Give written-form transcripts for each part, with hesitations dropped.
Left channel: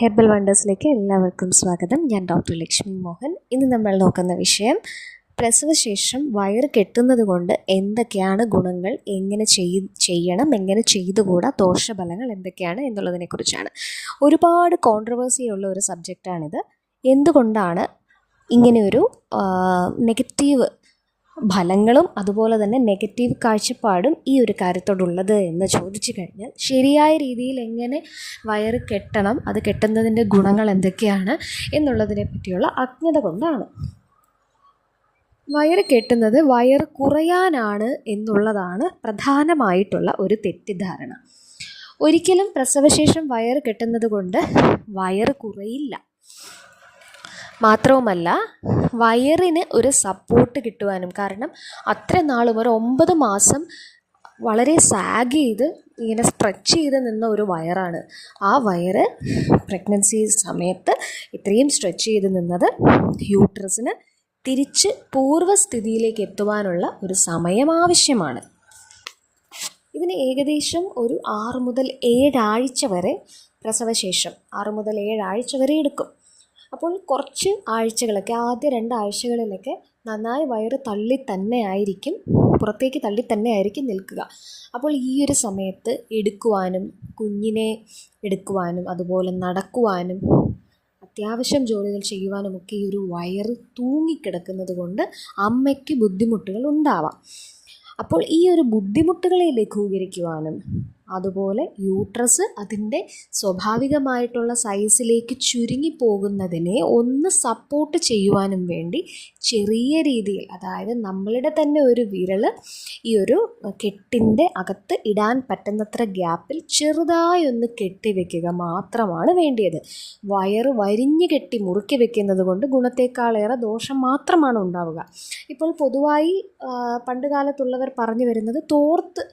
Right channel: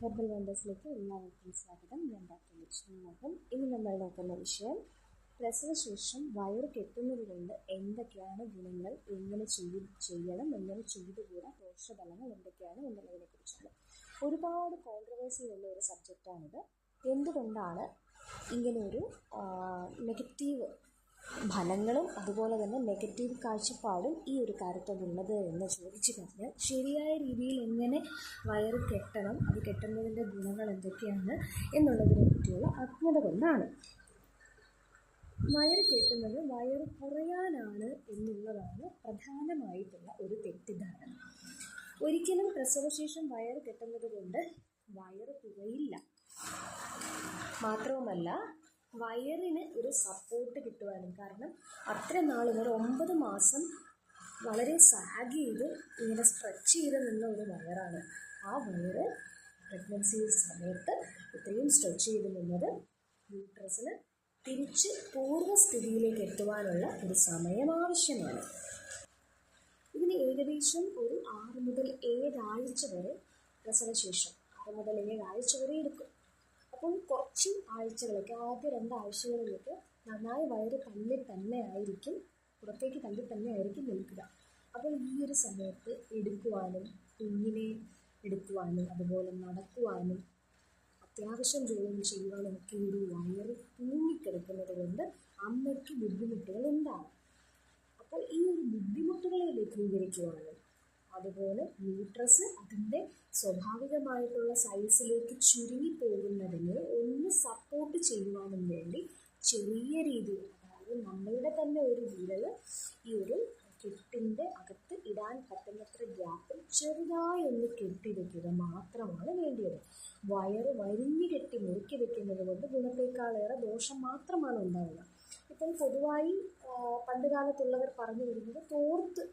Herbal വണ്ടേഴ്സിലേക്ക് എല്ലാവർക്കും സ്വാഗതം. ഞാൻ ഡോക്ടർ ലക്ഷ്മി മോഹൻ. ഇന്ന് നമ്മൾ നോക്കുന്ന വിഷയം പ്രസവശേഷം വയറ് കെട്ടുന്നത് കൊണ്ട് എന്തൊക്കെയാണ് ഗുണങ്ങൾ, എങ്ങനെ ചെയ്യണം, എങ്ങനെ ചെയ്തുകൂടാ, ദോഷഫലങ്ങൾ എന്തൊക്കെയാണ് എന്നുള്ളതിനെക്കുറിച്ചാണ്. ഒരുപാട് കോൺട്രവേഴ്സിയുള്ള ഒരു സബ്ജക്റ്റാണിത്. എന്തുകൊണ്ടാണ് ഇങ്ങനെയൊരു നെഗറ്റീവ് ഫലങ്ങളും അതുപോലെ തന്നെ നെഗറ്റീവ് കാഴ്ചപ്പാടും ഈ ഒരു കാര്യത്തോടുള്ളത് എന്ന് ചോദിച്ചു കഴിഞ്ഞാൽ, ശരിയായ രീതിയിൽ എങ്ങനെ വയറ് കെട്ടണം, അത് കെട്ടുന്നതിൻ്റെ ഗുണങ്ങൾ എന്തൊക്കെയാണ് എന്നുള്ളതിനെ പറ്റിയുള്ള അജ്ഞത കൊണ്ടാണ്. വയറ് കെട്ടുന്നത് വയറ് കുറയാനാണ് എന്നുള്ളതാണ് പ്രധാനമായിട്ടുള്ള ഒരു തെറ്റിദ്ധാരണ. ഒരിക്കലും പ്രസവശേഷം വയറ് കെട്ടുന്നത് കൊണ്ട് വയറ് കുറയില്ല. മാത്രവുമല്ല, വയറിന് ഒരു സപ്പോർട്ട് കിട്ടുവാനും, കാരണം അത്ര നാളും ഒരു 9 മാസം വളരെ സാഗ് ചെയ്ത് ഇങ്ങനെ സ്ട്രെച്ച് ചെയ്ത് നിന്ന ഒരു വയറാണ്. ആ വയറ് പ്രഗ്നൻസി സമയത്ത് ഇത്രയും സ്ട്രെച്ച് ചെയ്ത് നിന്നത് യൂട്രസിന് തിരിച്ച് പൂർവ്വസ്ഥിതിയിലേക്ക് എത്തുവാനുള്ള ഒരു സമയം ആവശ്യമാണ്. ഇതിന് ഏകദേശം ഒരു 6 മുതൽ 7 ആഴ്ച വരെ, പ്രസവശേഷം 6 മുതൽ 7 ആഴ്ച വരെ എടുക്കും. അപ്പോൾ കുറച്ച് ആഴ്ചകളൊക്കെ, ആദ്യ 2 ആഴ്ചകളിലൊക്കെ നന്നായി വയറ് പുറത്തേക്ക് തള്ളി തന്നെ ആയിരിക്കും നിൽക്കുക. അപ്പോൾ ഈ ഒരു സമയത്ത് എടുക്കുവാനും, കുഞ്ഞിനെ എടുക്കുവാനും, അതുപോലെ നടക്കുവാനും, അത്യാവശ്യം ജോലികൾ ചെയ്യുവാനുമൊക്കെ ഈ ഒരു വയറ് തൂങ്ങിക്കിടക്കുന്നത് കൊണ്ട് അമ്മയ്ക്ക് ബുദ്ധിമുട്ടുകൾ ഉണ്ടാവാം. അപ്പോൾ ഈ ഒരു ബുദ്ധിമുട്ടുകളെ ലഘൂകരിക്കുവാനും, അതുപോലെ യൂട്രസ് അതിൻ്റെ സ്വാഭാവികമായിട്ടുള്ള സൈസിലേക്ക് ചുരുങ്ങിപ്പോകുന്നതിനെ ഒന്ന് സപ്പോർട്ട് ചെയ്യുവാനും വേണ്ടി ചെറിയ രീതിയിൽ, അതായത് നമ്മളുടെ തന്നെ ഒരു വിരൽ ഈ ഒരു കെട്ടിൻ്റെ അകത്ത് ഇടാൻ പറ്റുന്നത്ര ഗ്യാപ്പിൽ ചെറുതായി ഒന്ന് കെട്ടിവെക്കുക മാത്രമാണ് വേണ്ടിയത്. വയറ് വരിഞ്ഞു കെട്ടി മുറുക്കി വെക്കുന്നത് കൊണ്ട് ഗുണത്തേക്കാളേറെ ദോഷം മാത്രമാണ് ഉണ്ടാവുക. ഇപ്പോൾ പൊതുവായി പണ്ട് കാലത്തുള്ളവർ പറഞ്ഞു വരുന്നത് തോർത്ത്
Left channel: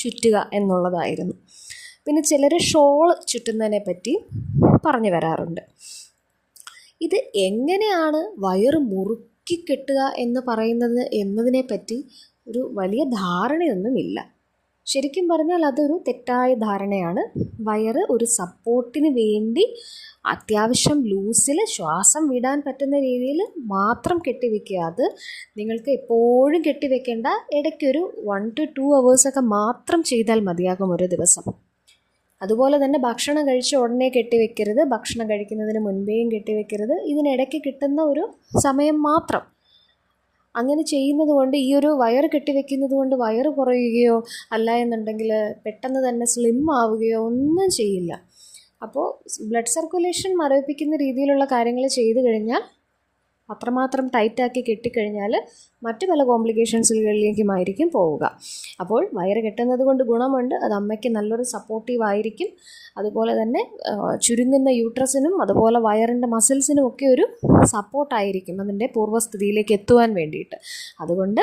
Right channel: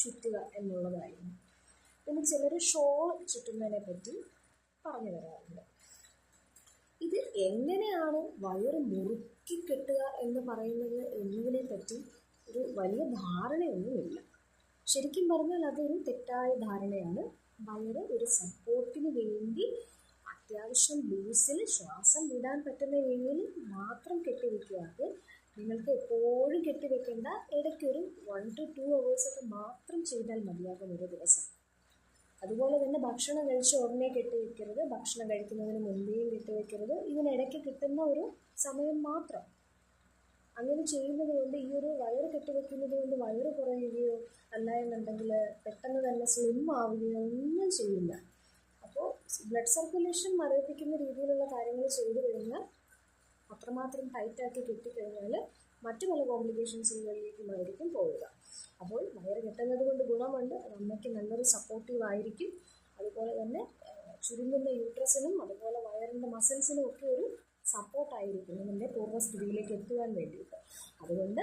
ചുറ്റുക എന്നുള്ളതായിരുന്നു. പിന്നെ ചിലർ ഷോൾ ചുറ്റുന്നതിനെ പറ്റി പറഞ്ഞു വരാറുണ്ട്. ഇത് എങ്ങനെയാണ് വയറ് മുറുക്കി കെട്ടുക എന്ന് പറയുന്നത് എന്നതിനെ പറ്റി ഒരു വലിയ ധാരണയൊന്നുമില്ല. ശരിക്കും പറഞ്ഞാൽ അതൊരു തെറ്റായ ധാരണയാണ്. വയറ് ഒരു സപ്പോർട്ടിന് വേണ്ടി അത്യാവശ്യം ലൂസിൽ ശ്വാസം വിടാൻ പറ്റുന്ന രീതിയിൽ മാത്രം കെട്ടിവെക്കുക. അത് നിങ്ങൾക്ക് എപ്പോഴും കെട്ടിവെക്കേണ്ട, ഇടയ്ക്കൊരു 1 to 2 hours മാത്രം ചെയ്താൽ മതിയാകും ഒരു ദിവസം. അതുപോലെ തന്നെ ഭക്ഷണം കഴിച്ച ഉടനെ കെട്ടിവെക്കരുത്, ഭക്ഷണം കഴിക്കുന്നതിന് മുൻപേയും കെട്ടിവെക്കരുത്. ഇതിനിടയ്ക്ക് കിട്ടുന്ന ഒരു സമയം മാത്രം. അങ്ങനെ ചെയ്യുന്നത് കൊണ്ട്, ഈ ഒരു വയറ് കെട്ടിവെക്കുന്നത് കൊണ്ട് വയറ് കുറയുകയോ അല്ല എന്നുണ്ടെങ്കിൽ പെട്ടെന്ന് തന്നെ സ്ലിം ആവുകയോ ഒന്നും ചെയ്യില്ല. അപ്പോൾ ബ്ലഡ് സർക്കുലേഷൻ മരവിപ്പിക്കുന്ന രീതിയിലുള്ള കാര്യങ്ങൾ ചെയ്തു കഴിഞ്ഞാൽ, അത്രമാത്രം ടൈറ്റാക്കി കെട്ടിക്കഴിഞ്ഞാൽ മറ്റു പല കോംപ്ലിക്കേഷൻസുകളിലേക്കുമായിരിക്കും പോവുക. അപ്പോൾ വയറ് കെട്ടുന്നത് കൊണ്ട് ഗുണമുണ്ട്, അത് അമ്മയ്ക്ക് നല്ലൊരു സപ്പോർട്ടീവ് ആയിരിക്കും. അതുപോലെ തന്നെ ചുരുങ്ങുന്ന യൂട്രസിനും അതുപോലെ വയറിൻ്റെ മസിൽസിനും ഒക്കെ ഒരു സപ്പോർട്ടായിരിക്കും അതിൻ്റെ പൂർവ്വസ്ഥിതിയിലേക്ക് എത്തുവാൻ വേണ്ടിയിട്ട്. അതുകൊണ്ട്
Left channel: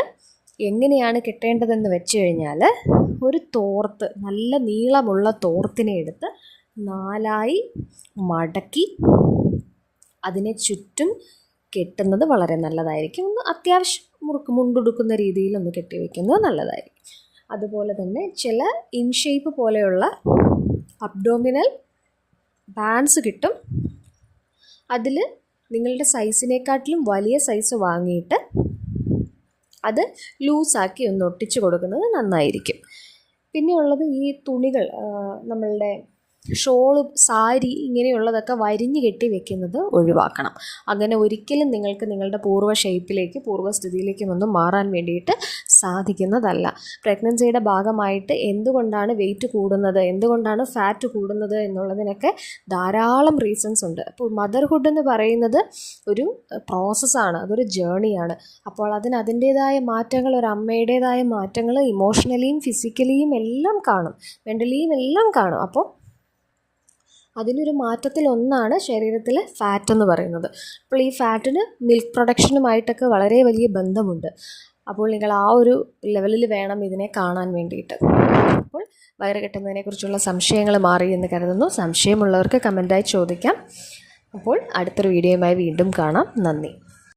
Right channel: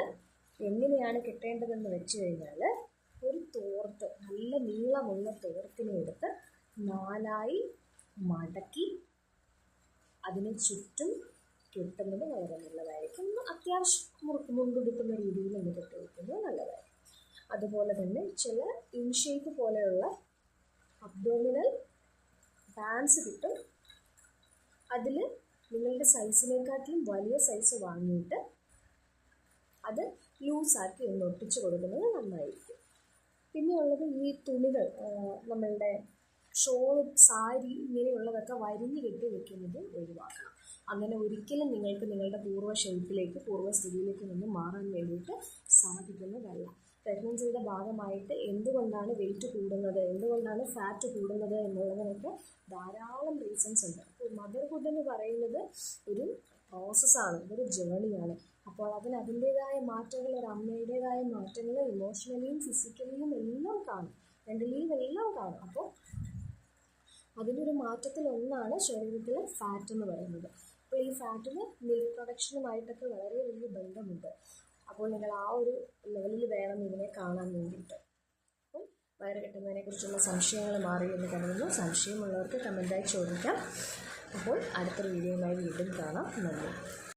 എങ്ങനെയാണ് കെട്ടേണ്ടതെന്ന് വെച്ച് കഴിഞ്ഞാൽ, ഒരു തോർത്ത്, നല്ല നീളമുള്ള തോർത്തിനെ എടുത്ത് 4 മടക്കി അതിനെ ചുറ്റും കെട്ടുന്നത് വളരെ നല്ലതായിരിക്കും. ഒന്ന് അത്യാവശ്യം മുണ്ടുടുക്കുന്ന രീതിയിൽ ഒന്ന് കെട്ടിവെക്കുന്നത് നല്ലതായിരിക്കും. അതുപോലെ തന്നെ ചില ഇൻഷേപ്പ് പോലെയുള്ള അബ്ഡോമിനൽ ബാൻഡ്സ് കിട്ടും. അതിൽ നിങ്ങളുടെ സൈസിനെക്കാട്ടിലും വലിയ സൈസ് വാങ്ങിയിട്ട് അത് ലൂസാക്കി ഒന്ന് ഒട്ടിച്ച് കൊടുക്കുന്നത് നന്നായിരിക്കും. പിന്നെയുള്ളത്, ഈ തുണികൾ, നമ്മളുടെ ഷോള്, സാരി, ഇങ്ങനെയുള്ളതൊക്കെ വരിഞ്ഞ് കെട്ടി വെക്കുന്നത് ഒഴിവാക്കണം. അങ്ങനെ ഒരിക്കലും നിങ്ങൾക്ക് നിങ്ങളുടെ പൂർവ്വസ്ഥിതിയിലേക്കും ഒന്നും മാറാൻ വേണ്ടിയിട്ട് സാധിക്കുന്നതല്ല. പ്രഗ്നൻസിയുടെ ഭാഗമായിട്ട് എന്തുകൊണ്ടാണ് വെയിറ്റ് കൂടുന്നത്, എന്തുകൊണ്ടാണ് ഫാറ്റ് കൂടുന്നത് എന്നുള്ളതിനൊക്കെ ധാരാളം റീസൺസ് ഉണ്ട്. അപ്പോൾ മദർഹുഡ് എന്ന് പറയുന്നത് ഒരു പ്രോസസ്സാണ്, അതൊരു ജേണിയാണ്. അപ്പോൾ അതിൻ്റേതായ മാറ്റങ്ങൾ, ഒരു അമ്മയുടേതായ മാറ്റങ്ങൾ ഇമോഷണലിയും ഫിസിക്കലിയും എല്ലാം കാണും, മെൻ്റലിയും എല്ലാം കാണും. അപ്പോൾ അതിനൊരു മാറ്റത്തിലൊന്നാണ് ശരീരത്തിലെ ഫാറ്റ് എന്ന് പറയുന്നത്. അപ്പോൾ ഈ ഫാറ്റിന് മിൽക്ക് പ്രൊഡക്ഷനുമായിട്ടൊക്കെ വളരെ വലിയ ബന്ധമുണ്ട്. അപ്പോൾ നിങ്ങൾ ആ ഒരു ലെവലിൽ വേണം ഇതിനെ കാണാൻ വേണ്ടിയിട്ട്. അപ്പോൾ വയറ് കെട്ടുന്നതിനെക്കുറിച്ചുള്ള സംശയങ്ങൾ മാറി എന്ന് കരുതുന്നു. സംശയമുള്ളവർക്ക് കമൻറ്റായി ചോദിക്കാം. അപ്പോൾ അടുത്തൊരു വീഡിയോയുമായി വീണ്ടും കാണാം. നന്ദി.